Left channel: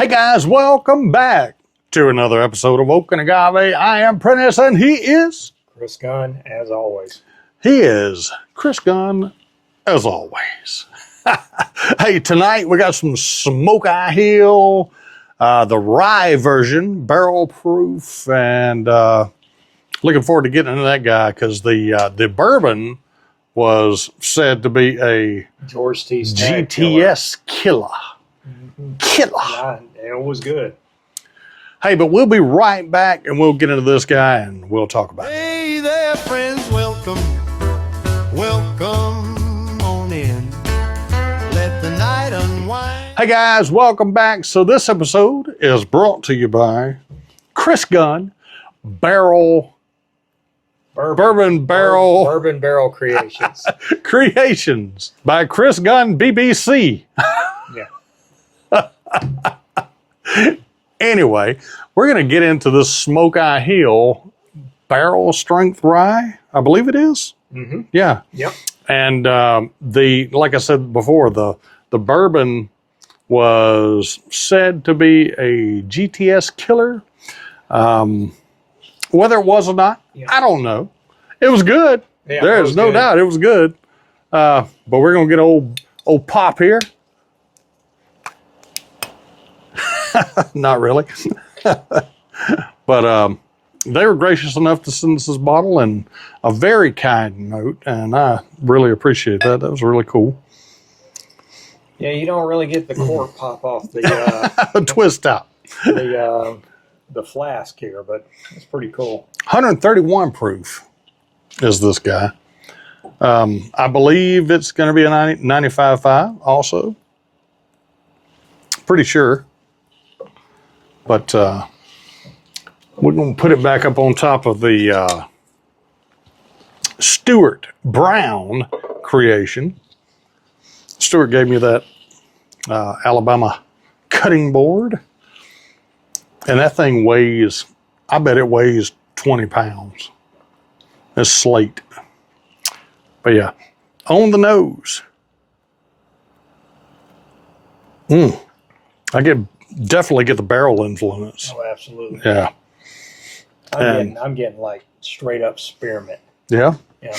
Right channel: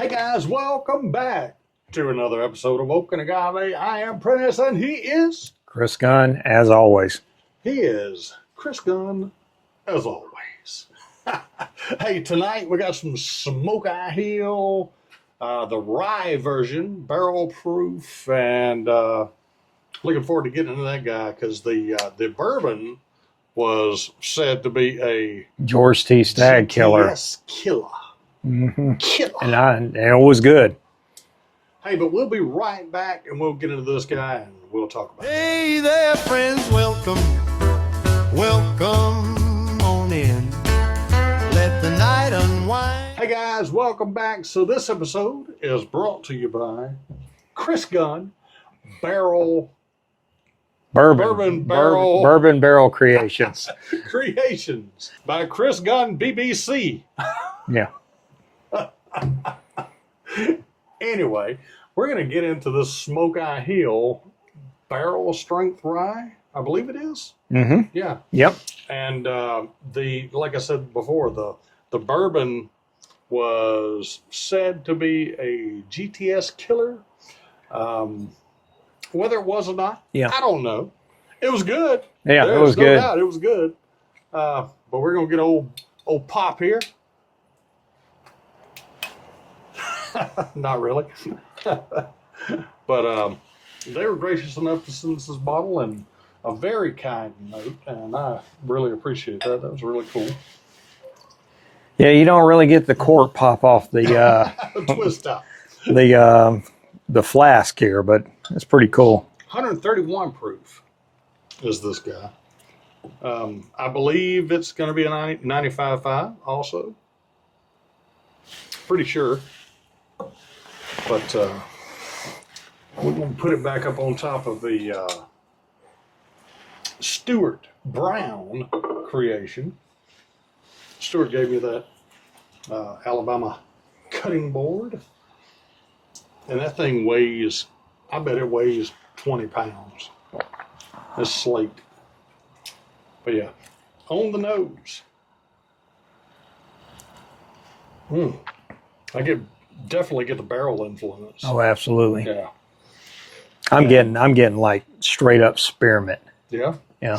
Hey guys, welcome back to another episode of Oak and Agave. I am Prentiss and he is Chris Gunn, as always. He is Chris Gunn, as always. Hey, tonight we got some Smokeye Hill, the rye version, barrel proof, and looking forward to getting into that guy because the bourbon was said to be a George T. Stagg killer. GTS killer. Mm-hmm. Killer. And it was good. Hey, but we'll be right back and we'll get into this guy and we'll talk about it. Hey there, friends, welcome on in. Let the night unwind. Hey guys, welcome back. So this episode is brought to you by Chris Gunn, Bourbon Barrel Creations. Creations by Chris Gunn, BBC. Yeah. Anyway, we're going to get into this Smokeye Hill barrel strength rye. I believe it is. Mm-hmm. Yeah. Yep. And like I said before, the bourbon was said to be a GTS killer. Whether it was or not, I don't know. It was good. Yeah, there's no doubt it was good. But we're gonna get old Pop here. Not really. But they were gracious enough to send us this bottle and a very kind note, and I really appreciate that. That was really cool. Yeah, you don't really get the cork pop off the twist out. The flask here, but it's pretty cool. 131 proof is this guy. I believe it's going to be a 95.5 also. Pretty sure. But we're going to put it back up on top of the Stewart Brown creation. Stewart gave me that Alabama cutting board. And that thing weighs, I bet it weighs 20 pounds. It's slate. But yeah, on the nose. I definitely get the barrel influence. Oh, absolutely. Yeah. I'm getting like straight up spearmint. Yeah. Yeah,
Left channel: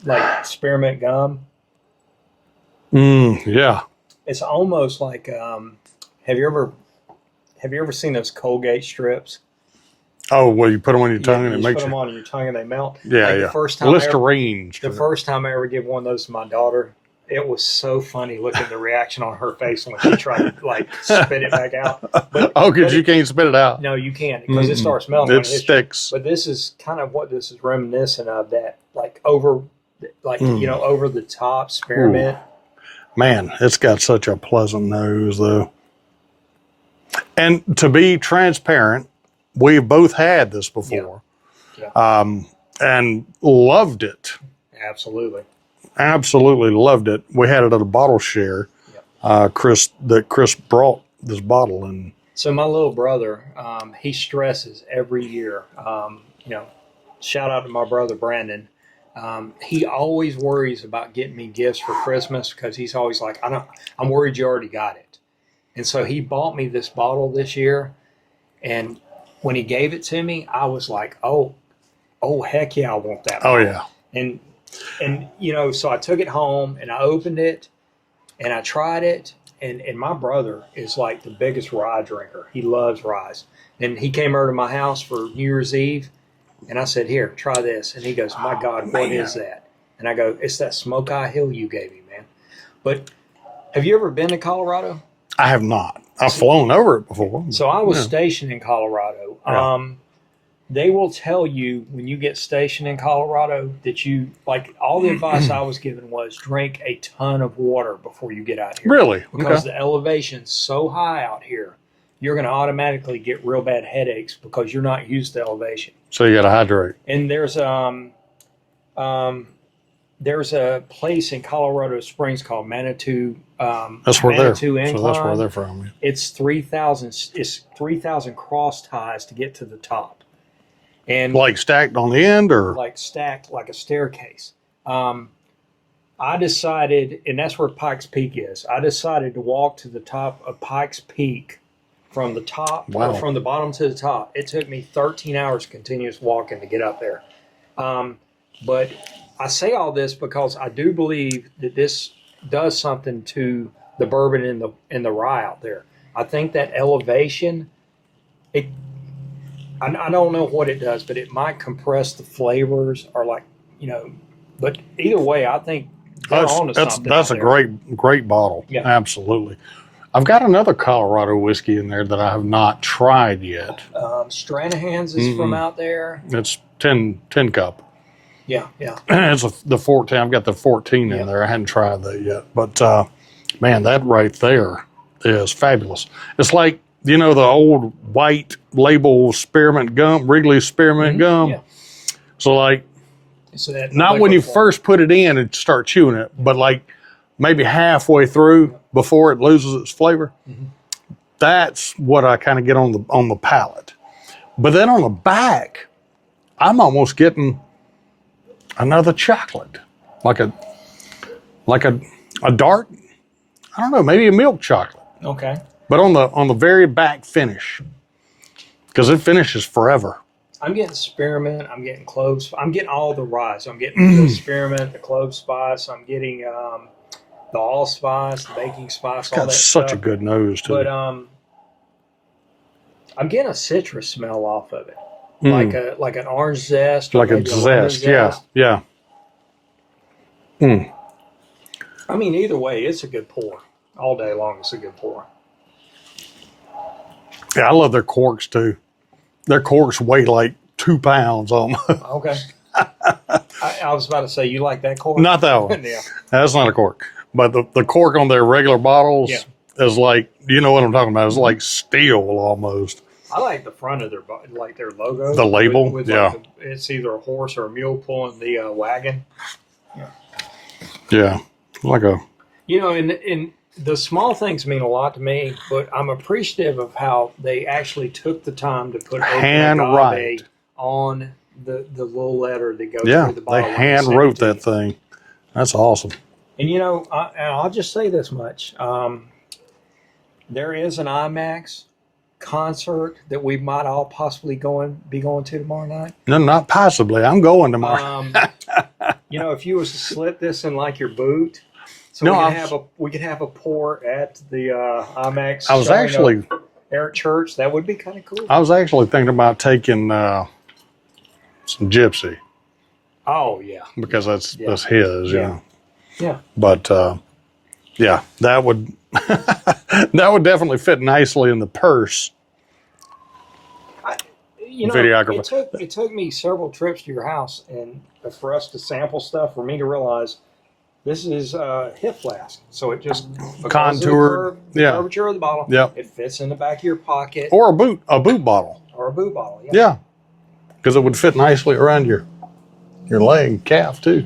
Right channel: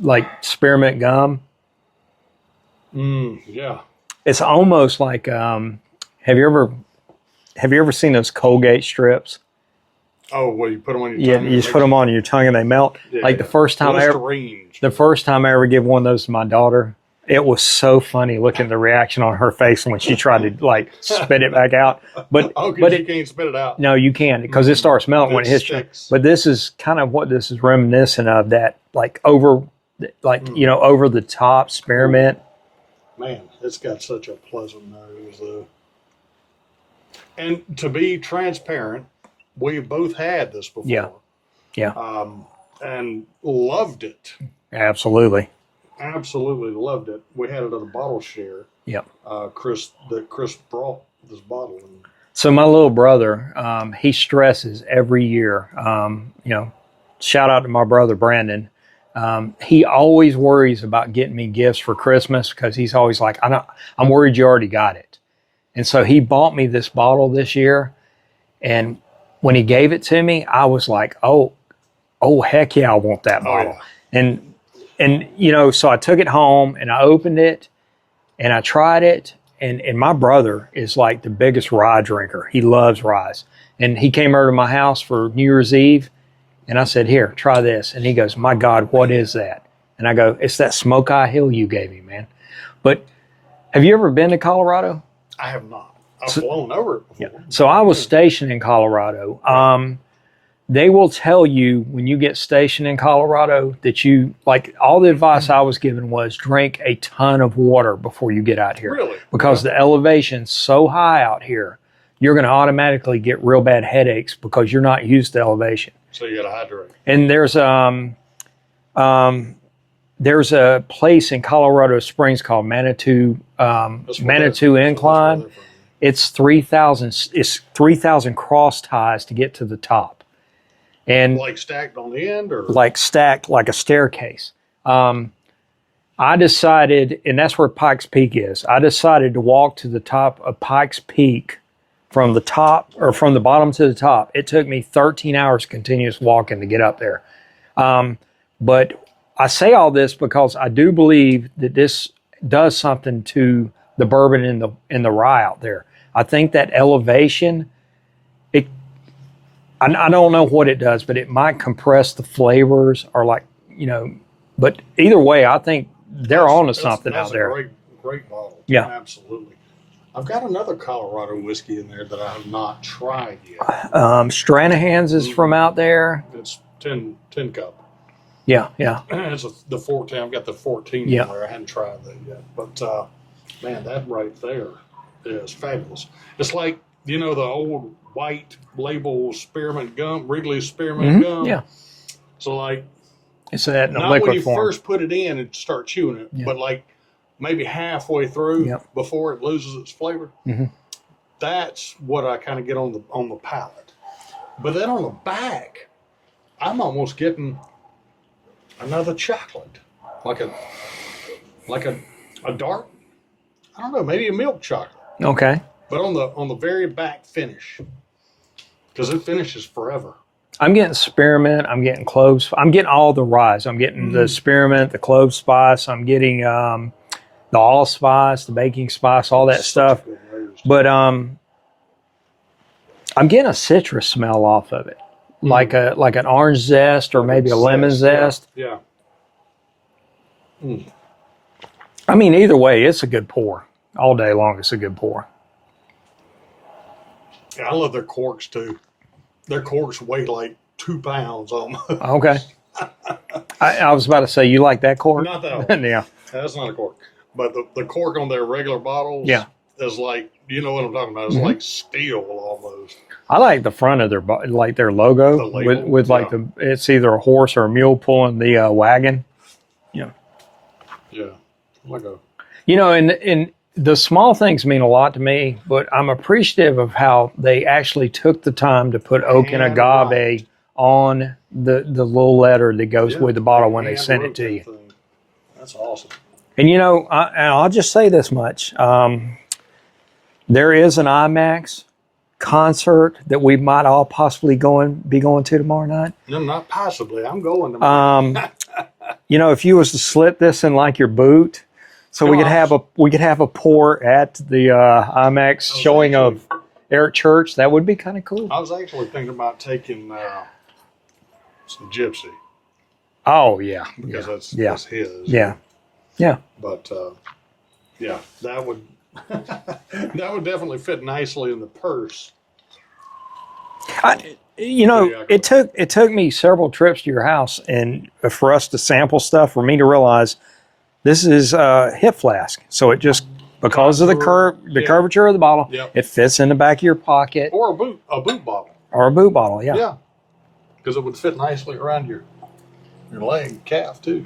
like spearmint gum. Yeah. It's almost like have you ever seen those Colgate strips? Oh, well, you put them on your tongue. You just put them on your tongue and they melt. Yeah, like the first time I ever give one of those to my daughter, it was so funny looking at the reaction on her face when she tried to like spit it back out. But because you can't spit it out. No, you can't because it starts melting when it hits sticks. But this is kind of what this is reminiscent of, that like over the top spearmint. Ooh. Man, it's got such a pleasant nose though. And to be transparent, we've both had this before. Yeah. And loved it. Absolutely. Absolutely loved it. We had it at a bottle share. Yep. Chris brought this bottle in. So my little brother, he stresses every year. Shout out to my brother Brandon. He always worries about getting me gifts for Christmas because he's always like, I'm worried you already got it. And so he bought me this bottle this year, and when he gave it to me, I was like, oh heck yeah, I want that bottle. Oh yeah. And so I took it home and I opened it and I tried it, and my brother is like the biggest rye drinker. He loves rye. And he came over to my house for New Year's Eve, and I said, here, try this. And he goes, my God, what is that? And I go, it's that Smokeye Hill you gave me, man. But have you ever been to Colorado? I have not. I've flown over it before. So I was stationed in Colorado. Right. They will tell you when you get stationed in Colorado that all the advice I was given was drink a ton of water before you get out here. Really? Because the elevation's so high out here, you're going to automatically get real bad headaches because you're not used to elevation. So you got to hydrate. And there's a place in Colorado Springs called Manitou Incline. That's where they're from. It's 3,000 cross ties to get to the top. And like stacked on the end, or like stacked like a staircase. I decided, and that's where Pikes Peak is. I decided to walk to the top of Pikes Peak from the top or from the bottom to the top. It took me 13 hours continuous walking to get up there. But I say all this because I do believe that this does something to the bourbon and the rye out there. I think that elevation, I don't know what it does, but it might compress the flavors or like, but either way, I think they're on to something. That's a great bottle. Yeah. Absolutely. I've got another Colorado whiskey in there that I have not tried yet. Stranahan's is from out there. It's 10 cup. Yeah. It's the 14. I've got the 14 in there. I hadn't tried that yet. But, man, that right there is fabulous. It's like, the old white label spearmint gum, Wrigley's spearmint gum. Yeah. So, like, it's that not when you first put it in and start chewing it, but like maybe halfway through before it loses its flavor. That's what I kind of get on the palate. But then on the back, I'm almost getting another chocolate, like a dark, I don't know, maybe a milk chocolate. Okay. But on the very back finish, because it finishes forever. I'm getting spearmint. I'm getting cloves. I'm getting all the ryes. I'm getting the spearmint, the clove spice. I'm getting the allspice, the baking spice, all that stuff. Such a good nose, too. But I'm getting a citrus smell off of it, like an orange zest or maybe a lemon zest. Yeah. I mean, either way, it's a good pour. All day long, it's a good pour. Yeah, I love their corks too. Their corks weigh like 2 pounds almost. Okay. I was about to say, you like that cork? Not that one. Yeah. That's not a cork. But the cork on their regular bottles is like, you know what I'm talking about? It's like steel almost. I like the front of their logo. The label? With it's either a horse or a mule pulling the wagon. Yeah. Yeah. Like a... and the small things mean a lot to me, but I'm appreciative of how they actually took the time to put Oak and Agave on the little letter that goes with the bottle when they sent it to you. Hand wrote that thing. That's awesome. And I'll just say this much: there is an IMAX concert that we might all possibly be going to tomorrow night. No, not possibly. I'm going tomorrow. If you was to slit this in like your boot. So we could have a pour at the IMAX showing of Eric Church. That would be kind of cool. I was actually thinking about taking some Gypsy. Oh yeah, because that's his. Yeah. But that would that would definitely fit nicely in the purse. It took me several trips to your house and for us to sample stuff for me to realize. This is hip flask, so it just because of the curvature of the bottle, it fits in the back of your pocket or a boot bottle, yeah, because it would fit nicely around your leg, calf too.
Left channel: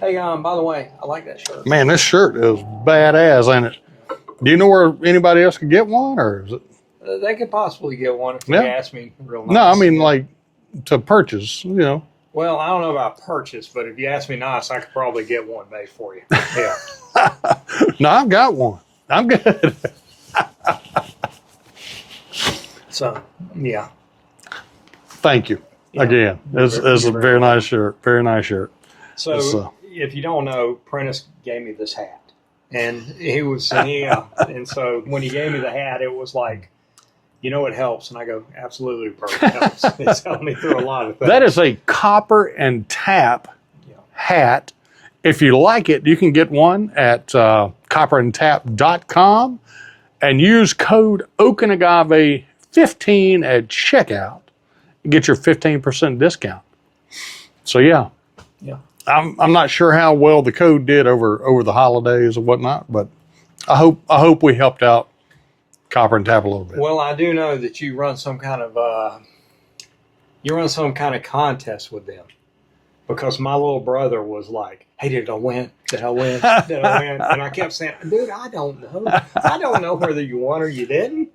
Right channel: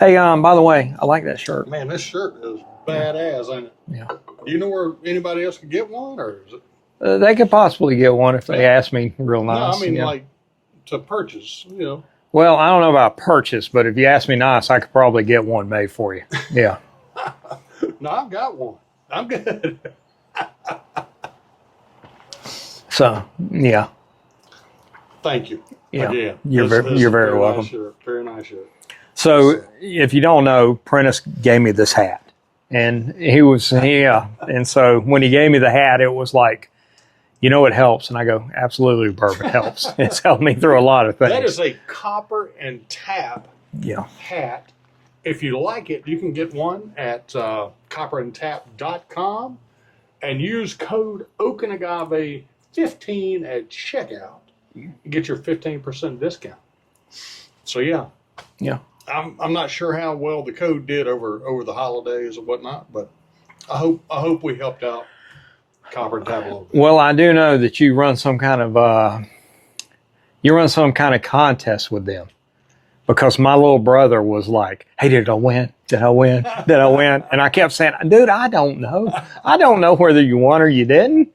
Hey, by the way, I like that shirt. Man, this shirt is badass, ain't it? Yeah. Do you know where anybody else could get one, or is it? They could possibly get one if they ask me real nice. No, I mean like to purchase, Well, I don't know about purchase, but if you ask me nice, I could probably get one made for you. Yeah. No, I've got one. I'm good. So, yeah. Thank you. Yeah. Again. This is a very nice shirt. Very nice shirt. So, if you don't know, Prentiss gave me this hat. And and so when he gave me the hat, it was like, it helps. And I go, absolutely, bourbon helps. It's helped me through a lot of things. That is a copper and tap hat. If you like it, you can get one at copperandtap.com and use code Oak and Agave 15 at checkout. Get your 15% discount. So, yeah. I'm not sure how well the code did over the holidays and whatnot, but I hope we helped out Copper and Tap a little bit. Well, I do know that you run some kind of contest with them, because my little brother was like, "Hey, did I win? Did I win? Did I win?" And I kept saying, "Dude, I don't know. I don't know whether you won or you didn't."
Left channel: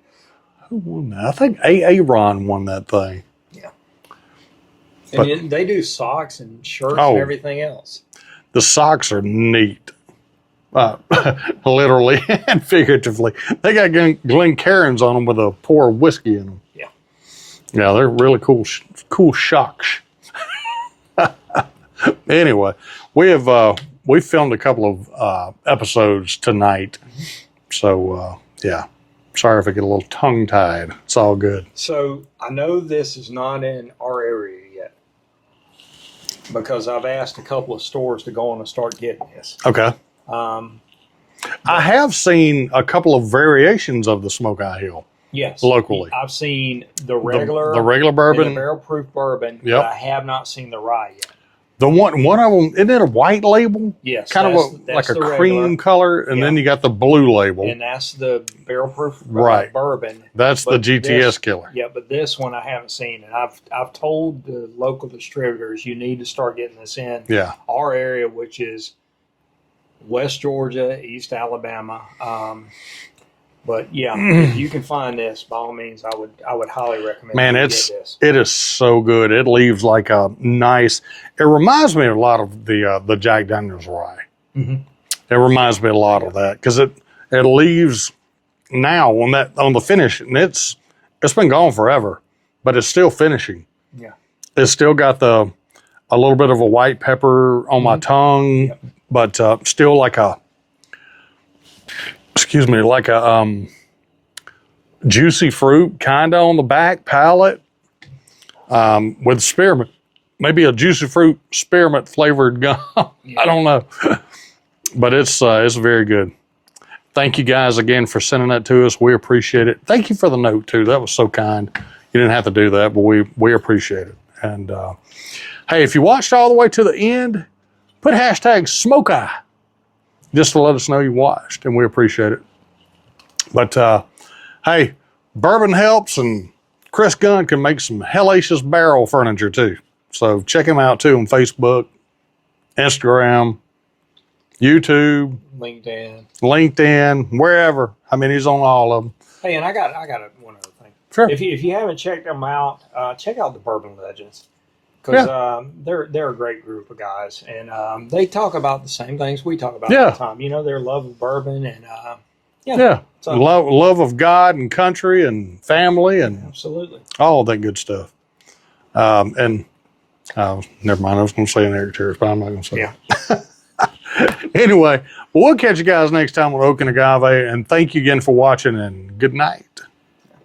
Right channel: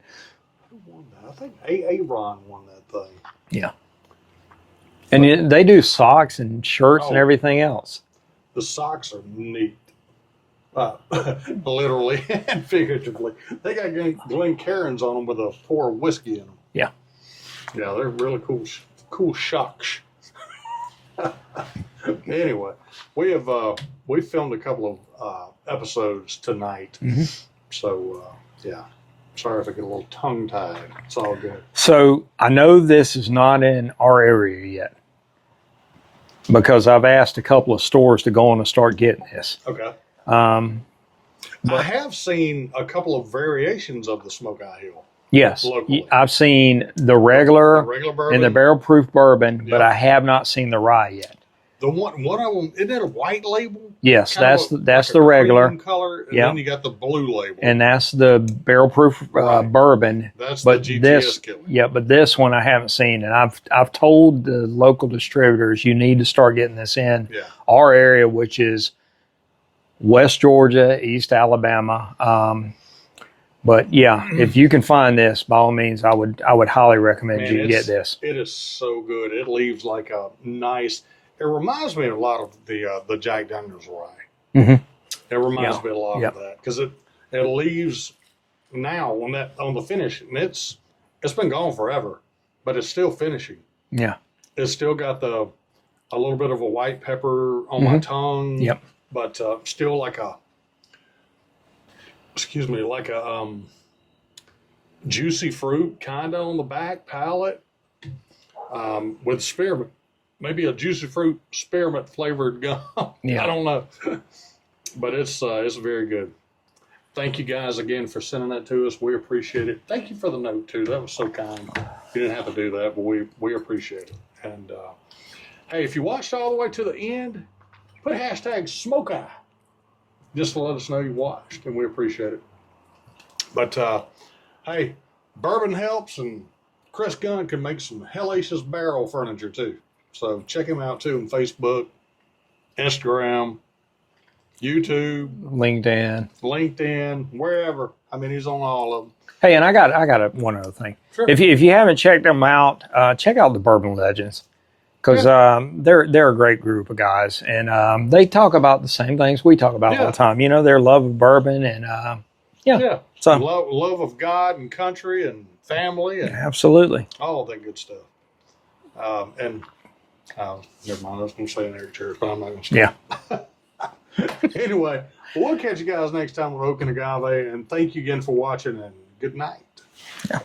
Who won that? I think Aaron won that thing. Yeah. And they do socks and shirts and everything else. The socks are neat. literally and figuratively. They got Glencairns on them with a pour of whiskey in them. Yeah. Yeah, they're really cool shocks. Anyway, we filmed a couple of episodes tonight. Mm-hmm. So, yeah. Sorry if I get a little tongue-tied. It's all good. So I know this is not in our area yet because I've asked a couple of stores to go on and start getting this. Okay. I have seen a couple of variations of the Smokeye Hill. Yes. Locally. I've seen the regular bourbon. and the barrel proof bourbon, Yep. but I have not seen the rye yet. The one of them, isn't it a white label? Yes, Kind that's like the a regular. cream color, and Yeah. then you got the blue label. And that's the barrel proof Right. bourbon. That's the But GTS killer. Yeah, but this one I haven't seen, and I've told the local distributors you need to start getting this in Yeah. our area, which is West Georgia, East Alabama. But yeah, if you can find this, by all means, I would highly recommend Man, you get this. it is so good. It leaves like a nice. It reminds me a lot of the Jack Daniel's rye. Mhm. It reminds me a lot of that because it leaves now on the finish, and it's been gone forever, but it's still finishing. Yeah. It's still got a little bit of a white pepper on my tongue, Yep. but still like a juicy fruit kind of on the back palate with spearmint, maybe a juicy fruit spearmint flavored gum. Yeah. I don't know, but it's very good. Thank you guys again for sending that to us. We appreciate it. Thank you for the note too. That was so kind. You didn't have to do that, but we appreciate it. And hey, if you watched all the way to the end, put hashtag Smokeye just to let us know you watched, and we appreciate it. But hey, bourbon helps, and Chris Gunn can make some hellacious barrel furniture too. So check him out too on Facebook, Instagram, YouTube, LinkedIn, wherever. I mean, he's on all of them. Hey, and I got one other thing. Sure. If you haven't checked them out, check out the Bourbon Legends because they're a great group of guys, and they talk about the same things we talk about all the time. You know, their love of bourbon and So love of God and country and family and absolutely all that good stuff. And never mind, I was going to say an Eric but I'm not going to say it. Anyway, we'll catch you guys next time on Oak and Agave, and thank you again for watching, and good night. Yeah.